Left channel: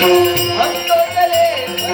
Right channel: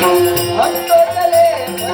ہن ترے لے